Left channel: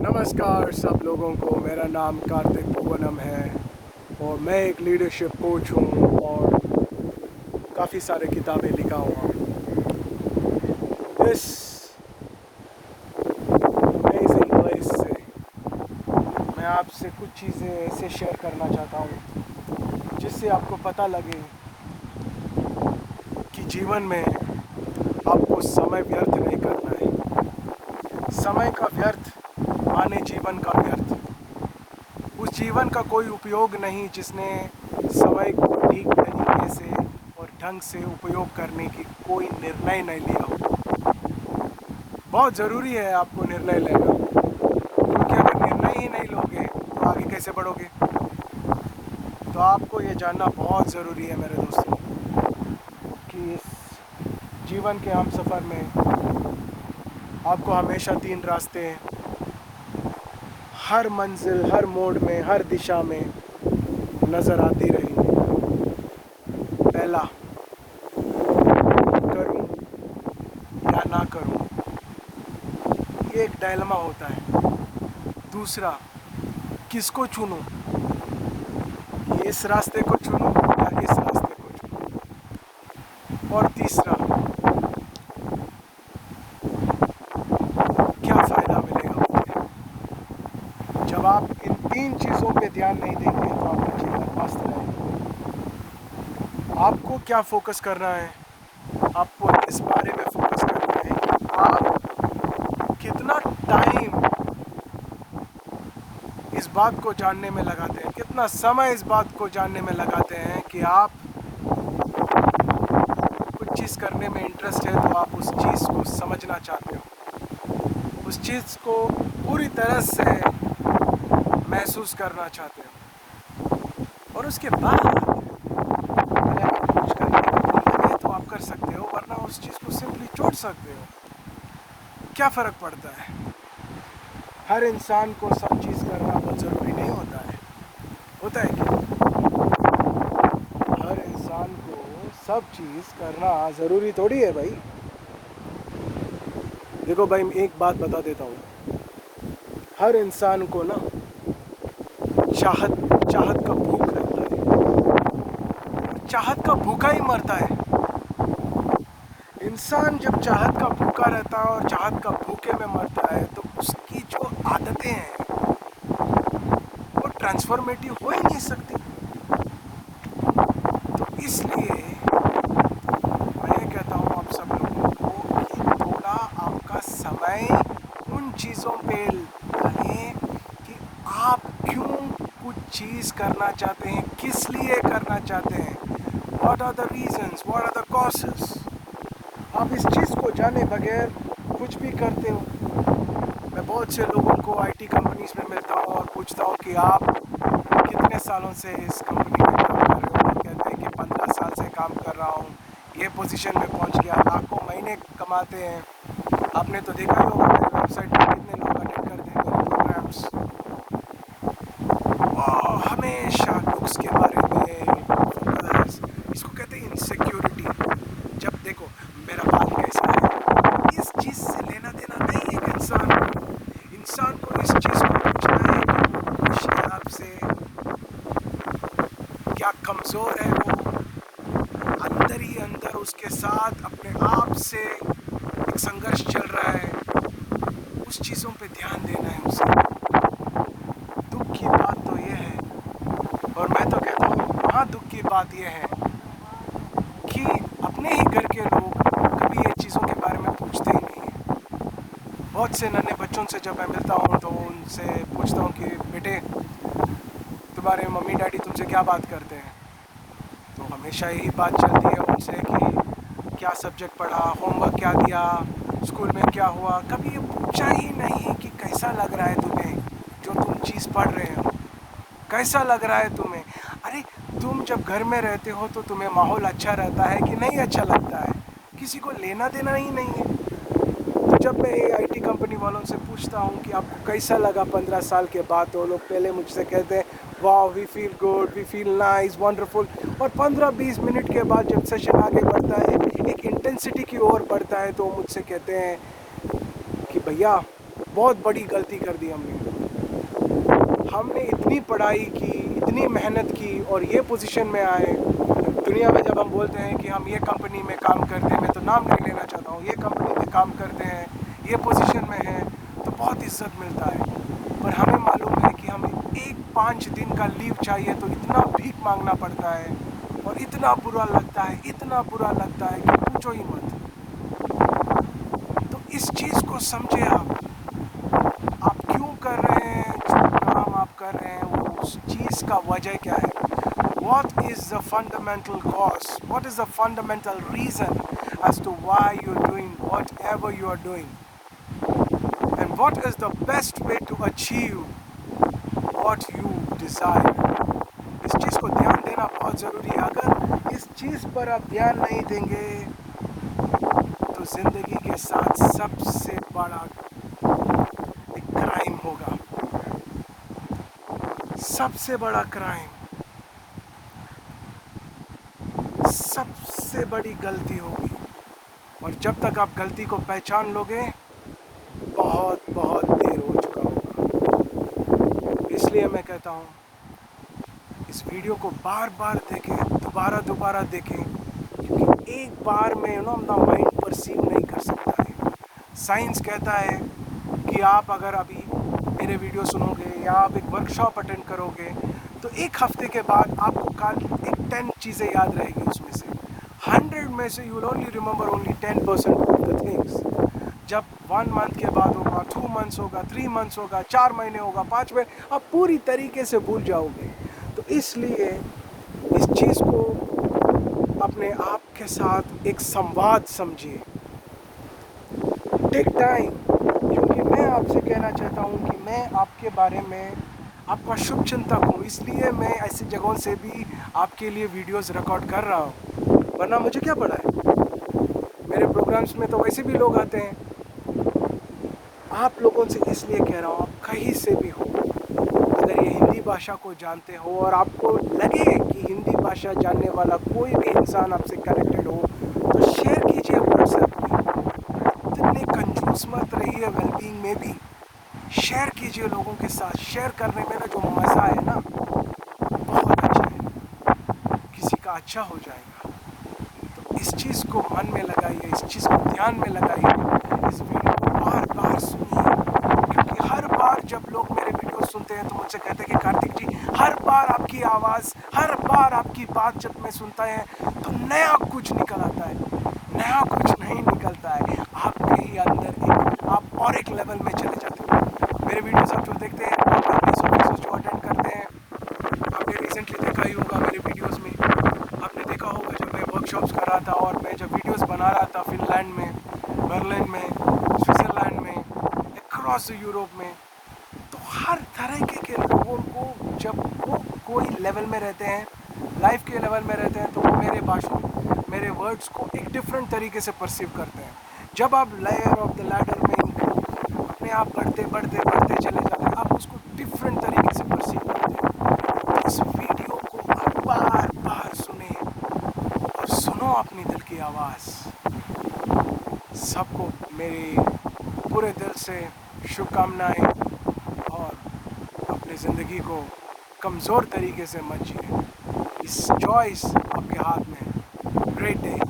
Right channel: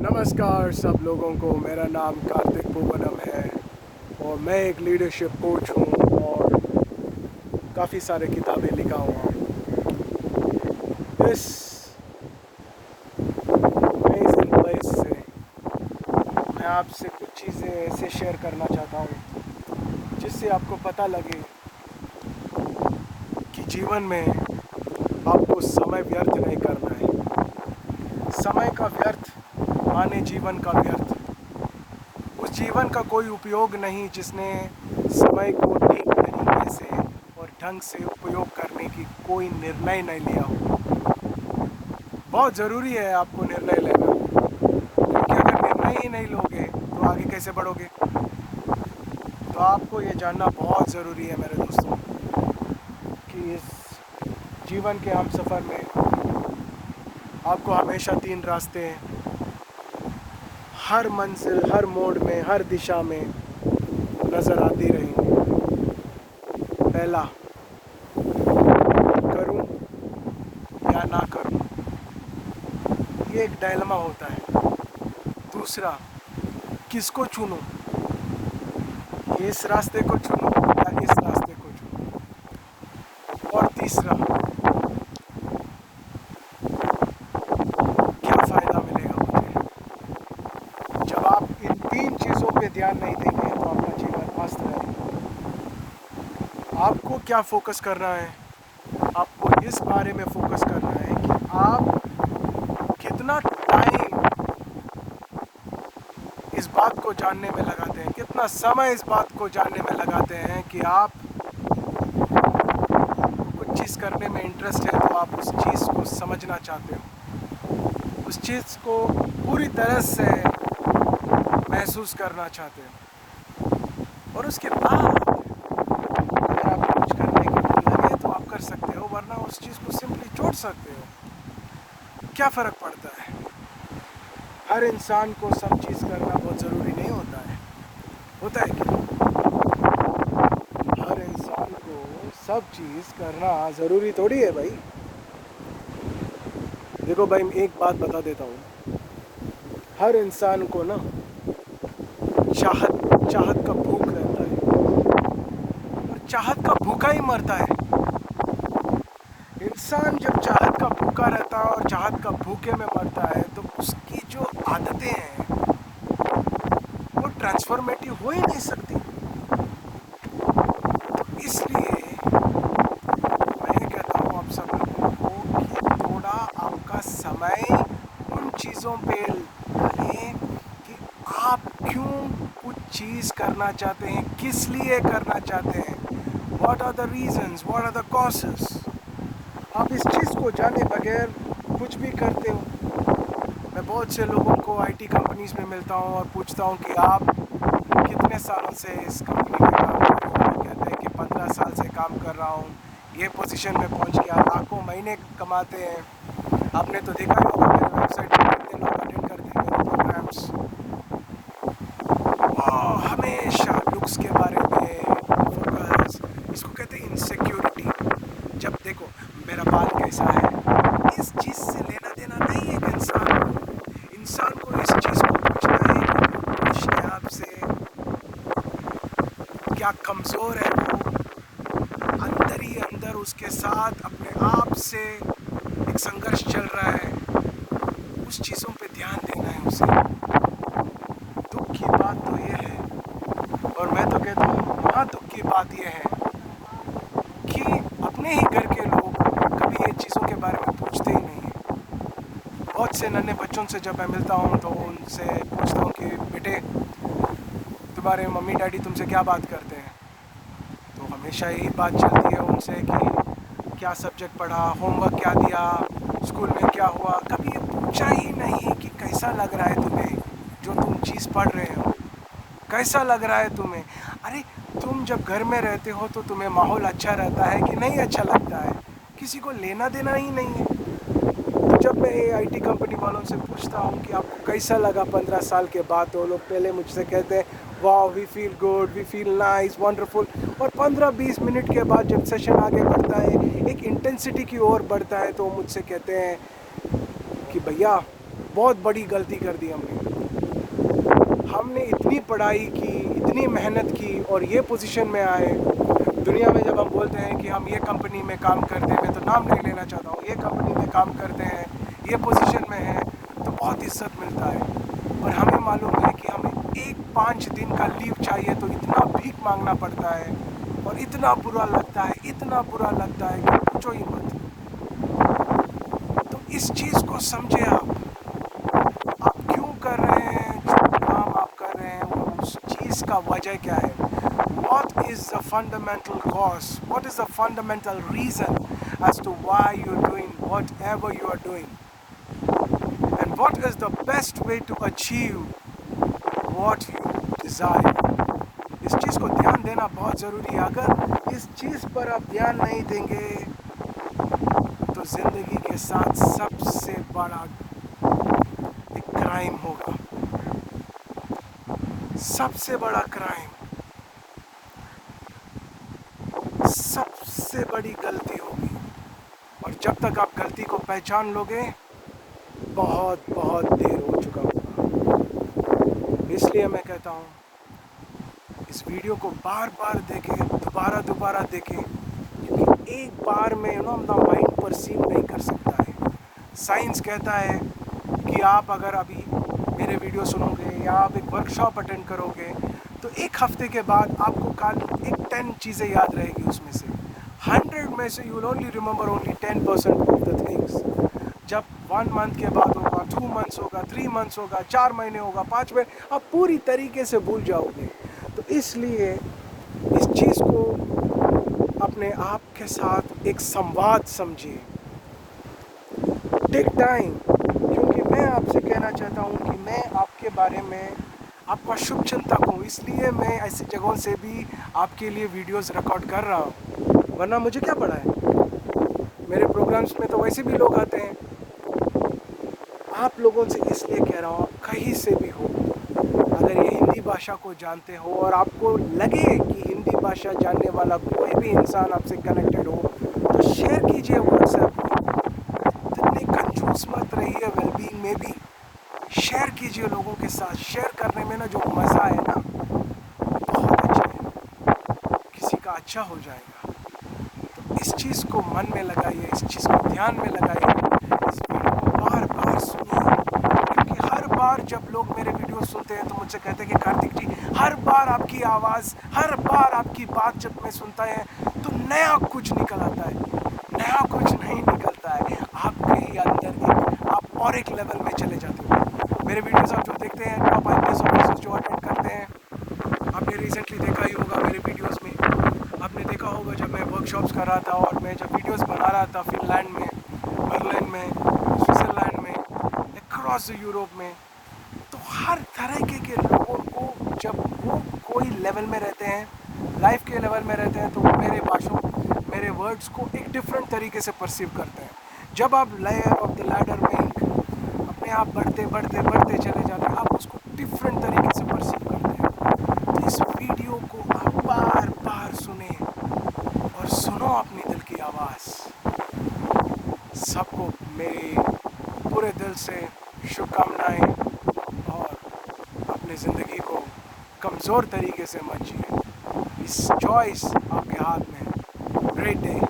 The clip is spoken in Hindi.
नमस्कार सब लोगों को। मेरा नाम कार्तिक पूवनम है और मैं एक लीडरशिप कोच हूँ और काफ़ी सारे किताबें लिखा हुआ हूँ। इस अमेजिंग प्लेस से मैं आपसे कुछ चीज़ें ऐसे शेयर करना चाहता हूँ जिससे आपको पता लगे कि जीवन में आपको समय व्यर्थ नहीं करना है। समय का व्यर्थ माने जीवन का व्यर्थ। उस जीवन का कोई उपयोग नहीं जिसने समय को ठीक तरीके से और ढंग से उपयोग करने की कोई निर्णय नहीं लिया हो। बहुत ज़रूरी है आपको निर्णय लेना, क्योंकि अगर निर्णय ही नहीं लोगे तो आगे कैसे बढ़ोगे। तो आपको ये जानना बहुत ज़रूरी है मेरे दोस्तों कि इस जीवन के हम सफ़र में आपको हमेशा 3 रास्ते हैं। हर मंजिल, हर मोड़ में, हर दिशा में नज़र आती रहेंगी। पहला, करूं या ना करूं, ये एक डायलेमा होता है। दूसरा, किसको चुनूं, इस रास्ते को चुनूं या इस रास्ते को चुनूं। और तीसरा, क्या फ़ायदा मिलेगा मुझे। जब आप इन 3 चीज़ों पे ध्यान नहीं देंगे तो आपका जीवन अस्त रहेगा। आपको क्या फोकस करना है? आपको इस बारे में फोकस करना है कि आप कितना टाइम इस बात को जानने में लगाते हैं, कितना समय इस बात को जानने में लगाते हैं कि आप कुछ चीज़ करने में इंटरेस्ट है तो आप उस चीज़ को समझना चाहते हो, उस चीज़ को पूरी तरह से महसूस करना चाहते हो। और उसके बाद अगर आप कुछ करने के लिए लगे तो आप कर सकते हो, वरना उस चीज़ को सिंपली छोड़ सकते हो। क्या फ़र्क पड़ता है? हर इंसान को सब चीज़ करना बहुत ज़रूरी नहीं होता है। होता है क्या? हर इंसान को सब चीज़ करना ज़रूरी थोड़ी है भाई। देखो भाई, मैं एक बात बता देता हूँ। हर इंसान को ना चाहत चाहत का भूख रहता है, और चाहत का भूखा ही मरता है। इंसान जब चाहत का भूखा रहता है और चाहत का भूखे में मरता है तो उसकी जो आदतें हैं वो ट्रांसफॉर्मेटिव हो ही नहीं सकती। तो इसलिए मैं कहता हूँ आप सब लोगों को कि थोड़ा आपका समय उन चीज़ों पे लगाएं कि आप क्यों कुछ चीज़ करना चाहते हैं, किस लिए करना चाहते हैं। What are the reasons, what are the causes. आप इस चीज़ को जाने बगैर कुछ भी करते हो। मैं बहुत से लोगों को आईटी कंपनीज में मिलता हूँ और पूछता हूँ कि आप कितने सालों से इस कंपनी में काम कर रहे हो। वो कहते हैं कि 15 साल से काम कर रहा हूँ, ये पोजीशन में पहुँच गया, लाखों महीने कमाते हैं। आपने तो देखा ही होगा मेरे वेबसाइट पर कितने लोग अटेंड करते हैं मेरे प्रोग्राम्स। हमेशा लुक्स के बारे में फोकस, इसको कहते हैं इनसिक्योरिटी। जब देखो मेरा बाल कैसा है, इस चीज़ से लेना देना नहीं है। एक इंसान को इस चीज़ को पूछना है कि अपने आप से क्या कमज़ोर है वो, अंदर ही अंदर उसके साथ अपने आप से एक संघर्ष चल रहा है। उस चीज़ों पे ध्यान देना है उसे। दुख की बात तो ये है, और मैं तो कहता हूँ वहाँ दुख की बात ये है कि अपने ही घर के लोग कभी ये चीज़ों के बारे में पूछते ही नहीं हैं। बहुत से नन्हे बच्चों से जब मैं मिलता हूँ तो उनसे पूछता हूँ कि बेटे, तुम्हारे मम्मी डैडी तुमसे क्या बात करते हैं, तो हमेशा यही बात चलती है उनसे कि क्या सब्जेक्ट पढ़ा, होमवर्क क्या दिया, स्कूल में क्या हुआ। कभी ये पूछा ही नहीं कि कैसा लग रहा है तुम्हें जो तुम चीज़ पढ़ रहे हो, कैसा लग रहा है तुम्हें। अरे तुम जब घर में रहते हो तो तुम्हें माहौल अच्छा रहता है कि नहीं अच्छा लगता है, किसी को लेना देना ही नहीं है। तो जब मैं आईटी कंपनी वालों से पूछता हूँ कि आपको कैसा लगा 15 साल के बाद, तो लोग पहले मुझसे कहते हैं वाह, we feel good, we feel nice, wonderful. और 15-20 मिनट के बाद जब सेशन आगे बढ़ता है, एक इंटेंसिटी की ओर बढ़ता है, तो मुझसे कहते हैं कि भैया बहुत बड़ी गलती कर दी हमने इतनी पढ़ाई की, इतनी मेहनत की और ये पोजीशन में आए। दुनिया में जब हम बोलते हैं कि हम ये कंपनी में काम करते हैं, मैं तो नाम नहीं लेना चाहता हूँ, ये कंपनी में काम करते हैं, ये पोजीशन में हैं, तो बहुत इज्जत मिलता है। पर हमें मालूम है कि हमें 5 दिन का लीव चाहिए तो इतना भीख मांगना पड़ता है और इतना बुरा लगता है, इतना बुरा लगता है कि पूछो ही मत। तो इस चीज़ को समझे आप क्यों कर रहे हैं जो काम आप कर रहे हैं, वो उस चीज़ का वजह क्या है। What is the fundamental cause? What is the fundamental reason as to why you're doing whatever you are doing? And what is the best way to achieve what you desire? इस चीज़ को ध्यान देना बहुत ज़रूरी है। अगर इस चीज़ पर आप ध्यान नहीं देंगे तो ज़िंदगी के साथ सबसे बड़ा एक क्राइम होगा, सबसे बड़ा क्राइम, सबसे बड़ी गलती होगी। और जब तक आप गलती को पहचान लोगे बहुत बहुत देर हो चुका होगा। इसलिए मैं कहता हूँ इस वीडियो को बार बार देखें, दोबारा देखें, क्योंकि एक बार में अपना माइंड परसीव नहीं कर सकता है। साइंस कहता है कि आप अगर अभी मेरे वीडियो सुनोगे या आप एक वर्कशॉप अटेंड करोगे तो एक हफ्ते के बाद आपको कल एक 10 चीज़ें याद रहेगी, उसमें से 100 में से you will only remember only 10% of the things. जब 1 मंथ के बाद होगा, 2 मंथ्स होगा, 3 मंथ्स होगा, 4 महीने होगा, 5 महीने, आप पूरी तरीके से भूल जाओगे। तो इसलिए इस चीज़ को अपने आप के साथ एक संवाद समझिए, टेक टाइम, क्योंकि मैं आपसे कहना चाहता हूँ कि मैं आपके बारे में आपका शुभ चिंतक हूँ, इसलिए मैं ऐसी जगहों से भी आपके लिए वीडियोस रिकॉर्ड कर रहा हूँ, वरना मुझे क्या पड़ा है। मेरे प्रोग्राम्स में तो वैसे भी लोग आते हैं। आप लोगों से इसलिए कह रहा हूँ, आप कहीं से भी हो, अगर ये हिंदी भाषा को जानते हो और आपको लगे कि हिंदी भाषा जानने वाला कोई भी इंसान आपसे कनेक्टेड हो तो शेयर कीजिए व्हाट्सएप में। इतने कंजूस मत रहिए, वेलबींग में भी शेयर कीजिए लोगों के साथ। शेयर करने में ना जो मज़ा है ना, बहुत अच्छा है, किसी का अच्छा हो जाएगा। तो इस चीज़ को मन में लगाइए, इस चीज़ को ध्यान में लगाइए, इस वीडियो को बार बार सुनिए, क्योंकि हर बार जब लोग मेरे वीडियो सुनते हैं तो मुझसे कहते हैं कि कार्तिक जी, हर बार आपकी आवाज़, हर बार आपकी बात जब मैं सुनता है तो नया कुछ निकल आता है। नया कुछ नहीं निकलता है, आपके ही अंदर आप और एक लेवल में चले जाते हो। मेरे वीडियोस आप जो देखते हैं, आप आईपीएस ऑफिसर्स जो अटेंड करते हैं, आपने रिसेंटली देखा ही होगा मेरे वीडियोस में, आपने देखा होगा जब मैं वर्कशॉप्स कर रहा था और मैं जब वीडियोस बना रहा था फिनलैंड में, बर्लिन में, स्विट्ज़रलैंड में, अक्रॉस यूरोप में, तो हर तरह के लोगों को जब वो कोई लेवल में रहते हैं, लाइफ के लेवल में रहते हैं, तो वो मेरे वर्ड्स को एक डिफरेंट तरीके से परसीव करते हैं। जब आप लेयर ऑफ द लैडर में अपने आप बढ़ते चले जाते हैं, आप उसको डिफरेंट तरीके से परसीव करते हैं। तो इस वीडियो को आप बार बार सुने और सुनो अपनी दिल की आवाज़। सबको मेरे पूरे दिल से शुभकामनाएं और अपनी ज़िंदगी को कमज़ोर तरीके से मत जिए। इस चॉइस आपके हाथ में है। Great day.